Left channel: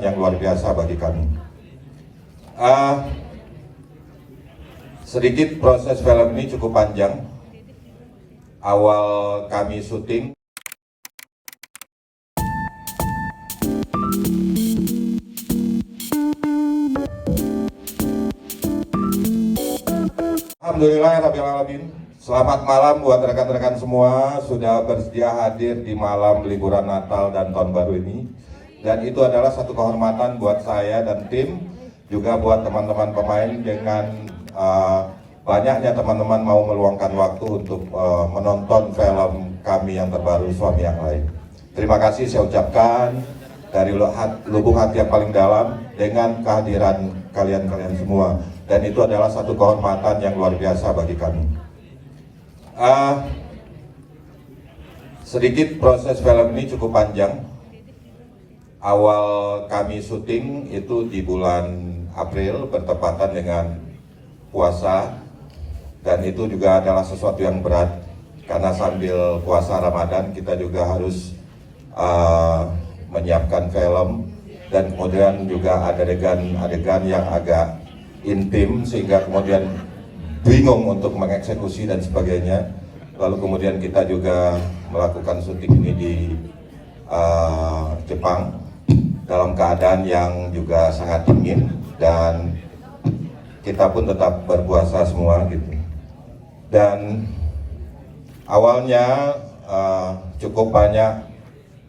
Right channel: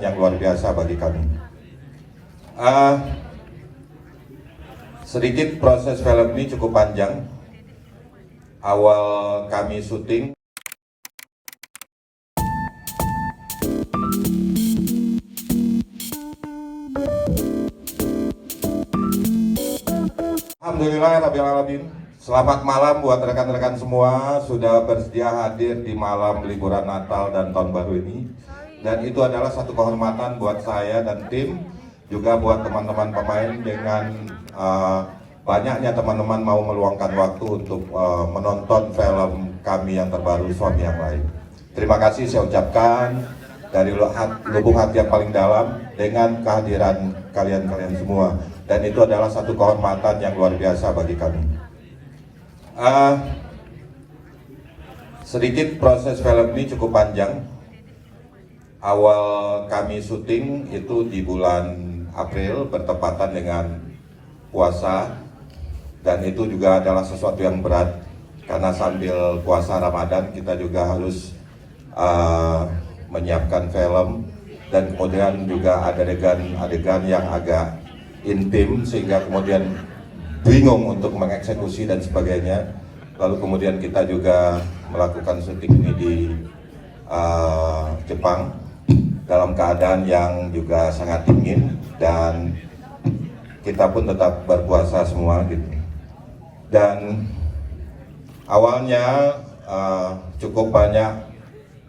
yang luar biasa bagi kami. Sedikit proses film ini cukup panjang. Awal kami syuting, alhamdulillahirrahmanirrahim. Selamat malam buat rekan-rekan semua sudah bersedia hadir di malam liburan Natal dan Tahun Baru ini. Dan itu adalah satu kehormatan buat saya dan tim, juga buat teman-teman pemain dengan banyaknya teman-teman mau meluangkan waktu untuk menonton film kami yang terbaru, Suami Yang Lain. Terima kasih saya ucapkan dari lubuk hati yang paling dalam dengan kehadiran kalian semua. Dan itu adalah satu kehormatan yang luar biasa bagi kami. Sedikit proses film ini cukup panjang. Awal kami syuting itu di bulan April bertepatan dengan puasa, dan itu juga adalah sesuatu yang berat karena sambil puasa Ramadan kita juga harus menyiapkan film, dan kemudian juga ada adegan yang agak intim sehingga kemudian bingung untuk mengeksekusi dan sebagainya. Lalu kemudian kita juga melakukan syuting ini di Jepang dalam keadaan yang juga sangat dingin, dan kita pun tetap berpuasa semua gitu. Dan awalnya cukup banyak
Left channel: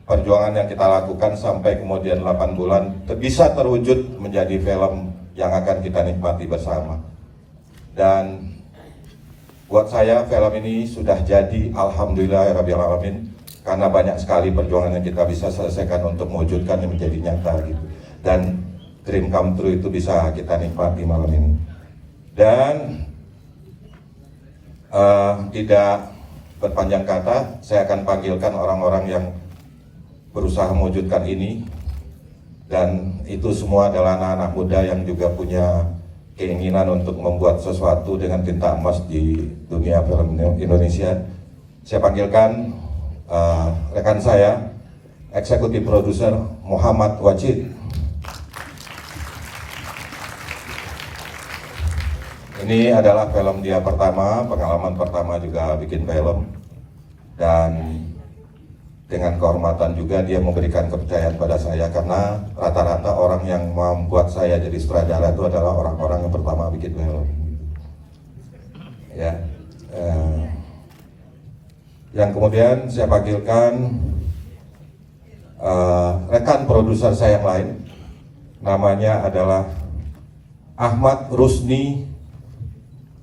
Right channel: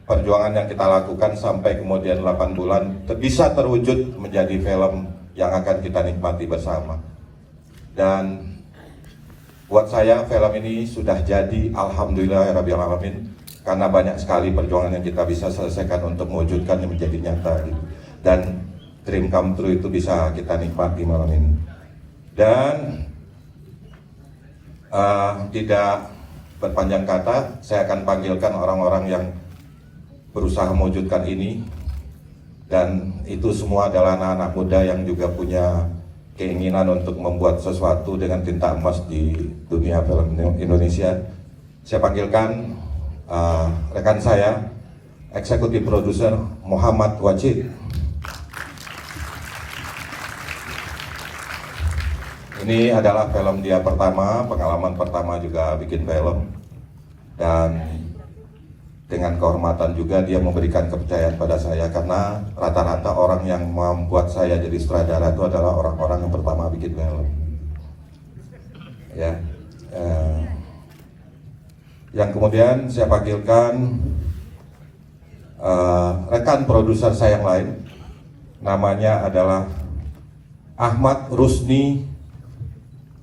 perjuangan yang kita lakukan sampai kemudian 8 bulan bisa terwujud menjadi film yang akan kita nikmati bersama. Dan buat saya film ini sudah jadi, alhamdulillahirrahmanirrahim, karena banyak sekali perjuangan yang kita bisa selesaikan untuk mewujudkan yang menjadi nyata gitu. Dan dream come true itu bisa kita nikmati malam ini. Dan tidak berpanjang kata, saya akan panggilkan orang-orang yang berusaha mewujudkan ini. Dan itu semua adalah anak-anak muda yang juga punya keinginan untuk membuat sesuatu dengan tinta emas di dunia film Indonesia. Saya panggilkan rekan saya, eksekutif produser Muhammad Wajid. Ini adalah film dia pertama, pengalaman pertama juga bikin film. Dan dengan kehormatan juga dia memberikan kepercayaan pada saya, karena rata-rata orang yang membuat saya jadi sutradara itu adalah orang-orang yang pertama bikin film. Ya, yang kemudian saya panggilkan rekan produser saya yang lain, namanya adalah Ahmad Rusni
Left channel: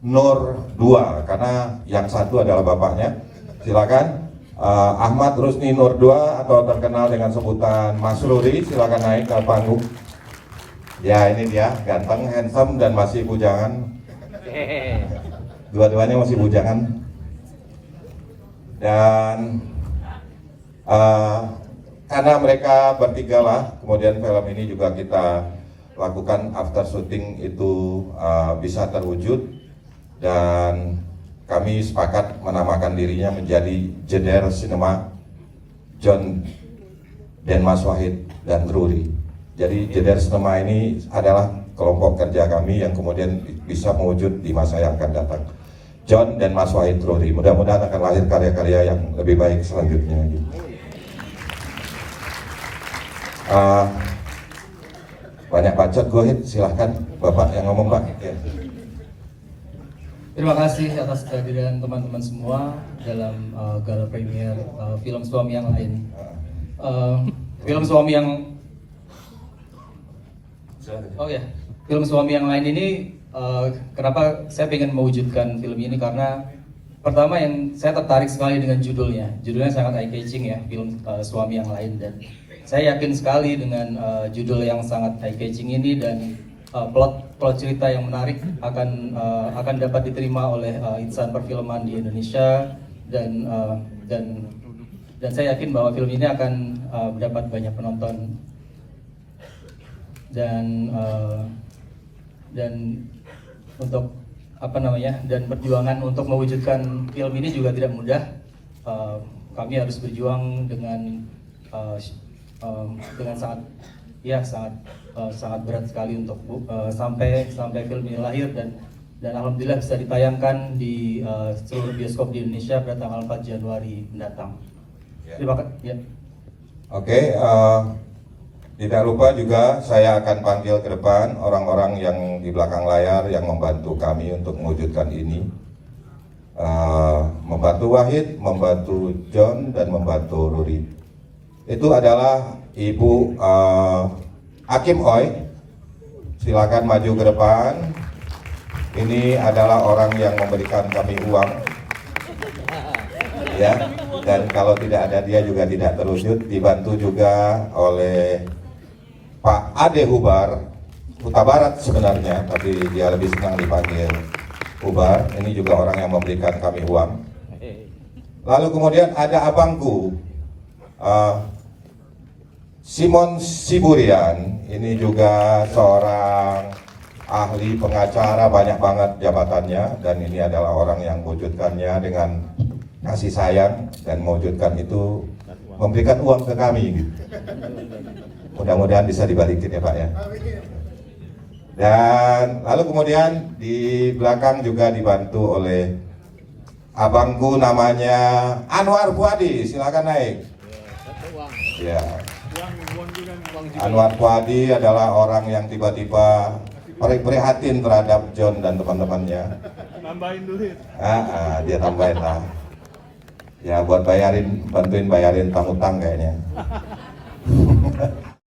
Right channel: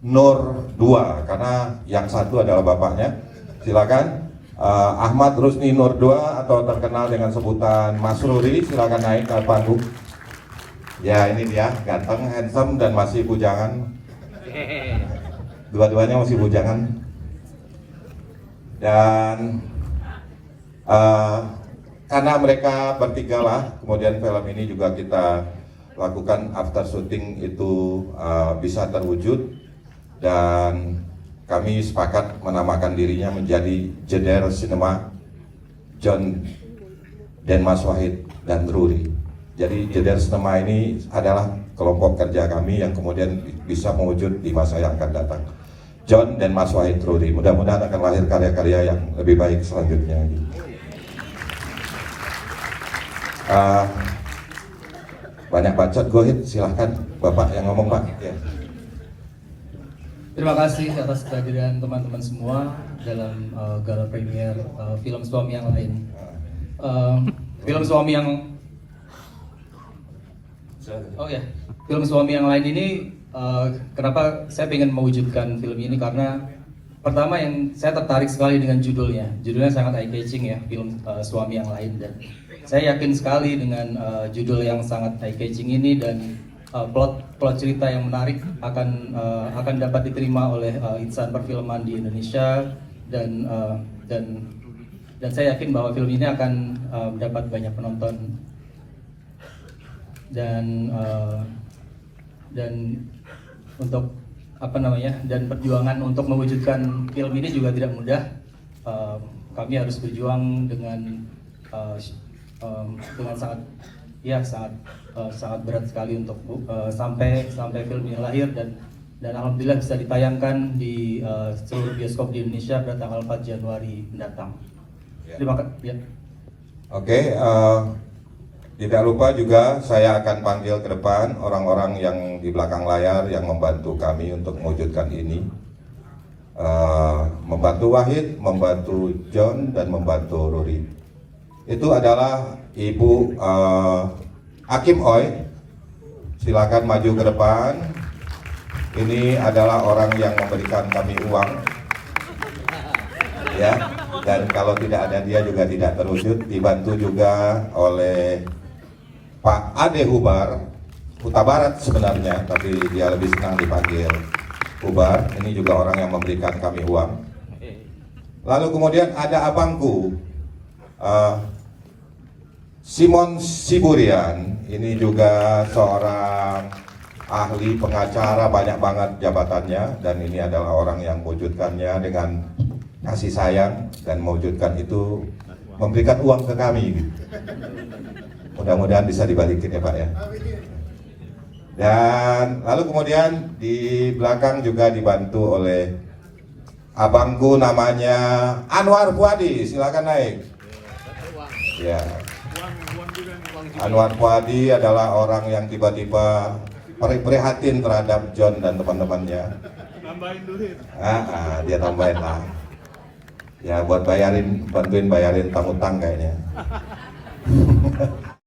Nur 2, karena yang satu adalah bapaknya. Silakan. Ahmad Rusni Nur 2 atau terkenal dengan sebutan Mas Ruri, silakan naik ke panggung. Ya, ini dia, ganteng, handsome, dan masih bujangan. Dua-duanya masih bujangan. Dan karena mereka bertiga lah, kemudian film ini juga kita lakukan after shooting itu bisa terwujud. Dan kami sepakat menamakan dirinya menjadi Jeder Cinema John dan Mas Wahid dan Ruri. Jadi Jeder Cinema ini adalah kelompok kerja kami yang kemudian bisa mewujud di masa yang akan datang. John dan Mas Wahid Ruri, mudah-mudahan akan lahir karya-karya yang lebih baik selanjutnya. Banyak bacot gue, silahkan Bapak yang ngomong Pak. Ya. Terima kasih atas kehadiran teman-teman semua dalam gala premier film Suami Yang Lain. Film Suami Yang film Suami Yang Lain ini kenapa saya ingin mewujudkan film ini, karena pertama yang saya tertarik sekali dengan judulnya. Judulnya sangat eye-catching ya, film Suami Yang Lain, dan saya yakin sekali dengan judul yang sangat eye-catching ini dan plot cerita yang menarik akan dapat diterima oleh insan perfilman di Indonesia, dan saya yakin bahwa film ini akan mendapat banyak penonton, dan untuk dan perjuangan untuk mewujudkan film ini juga tidak mudah. Kami harus berjuang dengan sangat ya sangat berat sekali untuk sampai film ini lahir, dan alhamdulillah bisa ditayangkan di seluruh bioskop di Indonesia pada tanggal 4 Januari mendatang. Ya. Terima kasih. Ya. Oke, tidak lupa juga saya akan panggil ke depan orang-orang yang di belakang layar yang membantu kami untuk mewujudkan ini. Membantu Wahid, membantu John, dan membantu Ruri. Itu adalah Ibu Hakim Hoi. Silakan maju ke depan. Ini adalah orang yang memberikan kami uang, ya. Dan kalau tidak ada dia juga tidak terwujud. Dibantu juga oleh Pak Ade Hubar, Huta Barat sebenarnya, tapi dia lebih senang dipanggil Hubar. Ini juga orang yang memberikan kami uang. Lalu kemudian ada abangku, Simon Siburian. Ini juga seorang ahli pengacara, banyak banget jabatannya, dan ini adalah orang yang mewujudkannya dengan kasih sayang, dan mewujudkan itu memberikan uang ke kami gitu. Mudah-mudahan bisa dibalikin ya Pak ya. Dan lalu kemudian di belakang juga dibantu oleh abangku namanya Anwar Puadi. Silakan naik. Ya. Anwar Puadi adalah orang yang tiba-tiba prihatin terhadap John dan teman-temannya. Nambahin duit. Dia tambahin lah. Ya buat bantuin bayarin utang kayaknya.